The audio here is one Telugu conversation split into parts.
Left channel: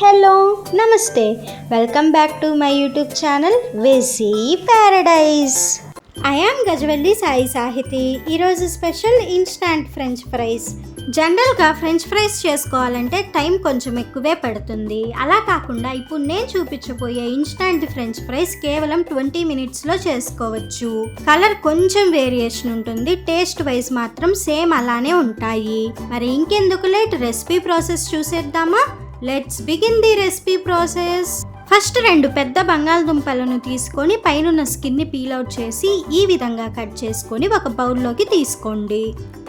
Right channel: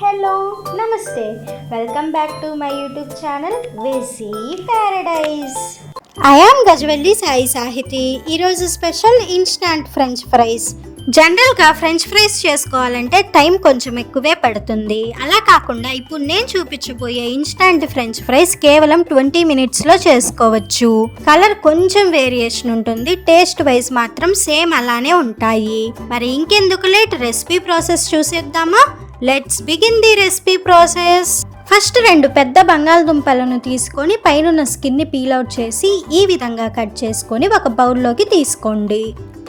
హలో నమస్తే welcome back to my YouTube channel వెసీ Paradise. I am Gajavelli Sai Sahithi. ఈరోజు స్పెషల్ ఇన్స్టాంట్ ఫ్రెంచ్ ఫ్రైస్. జనరల్గా ఫ్రెంచ్ ఫ్రైస్ చేసుకోవాలంటే టైం కొంచెం ఎక్కువే పడుతుంది. అలా కాకుండా ఇప్పుడు నేను చూపించబోయే ఇన్స్టాంట్ ఫ్రెంచ్ ఫ్రైస్ కేవలం 20 మినిట్స్లో చేసుకోవచ్చు. కలర్ కొంచెం వేరియేషన్ ఉంటుంది, టేస్ట్ వైజ్ మాత్రం సేమ్ అలానే ఉంటాయి. మరి ఇంకెందుకు లేట్, రెసిపీ ప్రాసెస్ చూసేద్దామా? Let's begin the recipe process. First 2 పెద్ద బంగాళదుంపలను తీసుకొని పైన స్కిన్ని పీల్ అవుట్ చేసి ఈ విధంగా కట్ చేసుకొని ఒక బౌల్లోకి తీసుకోండి.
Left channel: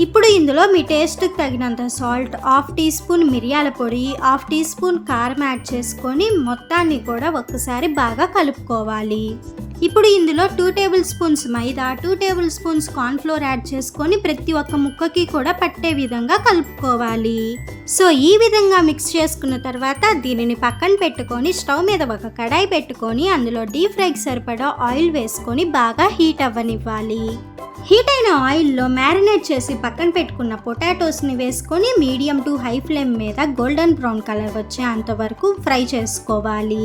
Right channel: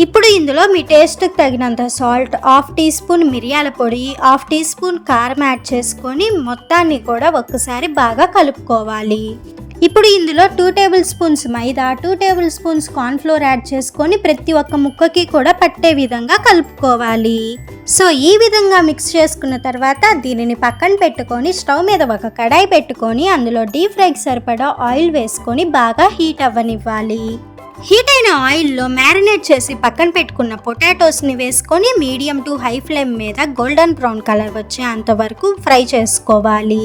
ఇప్పుడు ఇందులో మీ టేస్ట్కి తగినంత సాల్ట్, 1/2 టీ స్పూన్ మిరియాల పొడి, 1/2 టీ స్పూన్ కారం యాడ్ చేసుకొని మొత్తాన్ని కూడా ఒక్కసారి బాగా కలుపుకోవాలి. ఇప్పుడు ఇందులో 2 టేబుల్ స్పూన్స్ మైదా, 2 టేబుల్ స్పూన్స్ కార్న్ఫ్లోర్ యాడ్ చేసుకొని ప్రతి ఒక్క ముక్కకి కూడా పట్టే విధంగా కలుపుకోవాలి. సో ఈ విధంగా మిక్స్ చేసుకున్న తర్వాత దీనిని పక్కన పెట్టుకొని స్టవ్ మీద ఒక కడాయి పెట్టుకొని అందులో డీప్ ఫ్రైకి సరిపడా ఆయిల్ వేసుకొని బాగా హీట్ అవ్వనివ్వాలి. హీట్ అయిన ఆయిల్లో మ్యారినేట్ చేసి పక్కన పెట్టుకున్న పొటాటోస్ని వేసుకొని మీడియం టు హై ఫ్లేమ్ మీద గోల్డెన్ బ్రౌన్ కలర్ వచ్చే అంతవరకు ఫ్రై చేసుకోవాలి.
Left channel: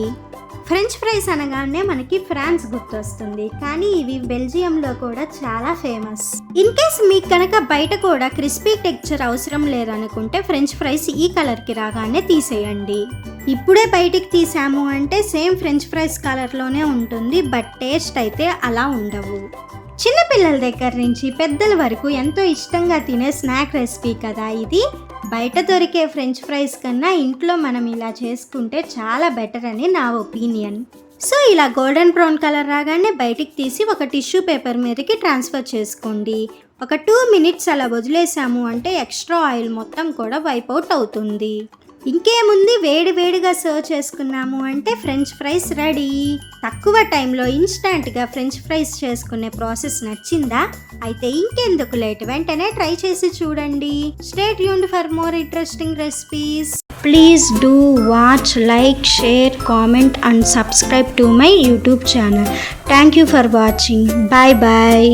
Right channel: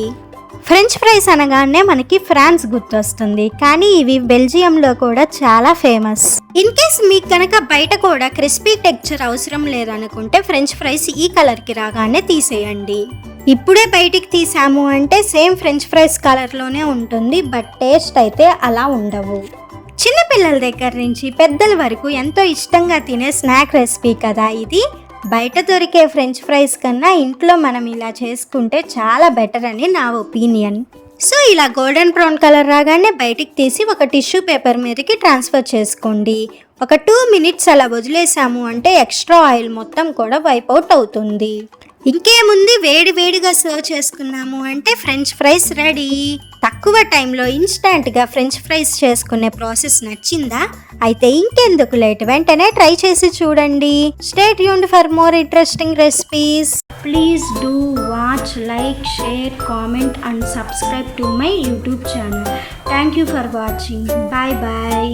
ఫ్రెంచ్ ఫ్రైస్ అనగానే మనకి ఫ్రాన్స్ గుర్తొస్తుంది, కానీ ఇవి బెల్జియంలో కూడా చాలా ఫేమస్. ఇన్ కేస్ మీకు కనుక బయట కూడా క్రిస్పీ టెక్స్చర్ అవసరం లేదనుకుంటే ఫ్రెంచ్ ఫ్రైస్ ఈ కలర్కి రాగానే తీసేయండి. ఇప్పుడే బయటికి తీసాము అంటే సేమ్ ఫ్రెంచ్ ఫ్రైస్ కలర్లోనే ఉంటుంది, బట్ టేస్ట్ అయితే అలా ఉండవు. చిన్నపిల్లల దగ్గర నుంచి పెద్దల వరకు ఎంతో ఇష్టంగా తినే స్నాక్ రెసిపీ కదా ఇది. బయట దొరికే ఫ్రెంచ్ ఫ్రైస్ కన్నా ఇంట్లో మనం ఇలా చేసుకుంటే చాలా బెటర్ అని నా ఒపీనియన్. సో ఇలా గోల్డెన్ బ్రౌన్ కలర్ రాగానే బయటికి తీసి ఒక టిష్యూ పేపర్ మీదకి ట్రాన్స్ఫర్ చేసుకోండి. ఒక 2 మినిట్స్ అలా వదిలేసాము అంటే ఎక్స్ట్రా ఆయిల్ మొత్తం కూడా వైప్ అవుట్ అవుతుంది. ఇంకేముంది, వేడిగా సర్వ్ చేసుకున్నాము అంటే ఫ్రెంచ్ ఫ్రైస్ రెడీ. తక్కువ టైంలో ఇన్స్టాంట్గా ఫ్రెంచ్ ఫ్రైస్ చేసుకునే ప్రాసెస్ నచ్చిందా? అయితే ఇంకెందుకు లేట్, వెంటనే ట్రై చేసి చూడండి. Stay tuned for more interesting recipes. Please do watch, like, share, comment and subscribe to my YouTube channel. Thank you for watching. Bye bye.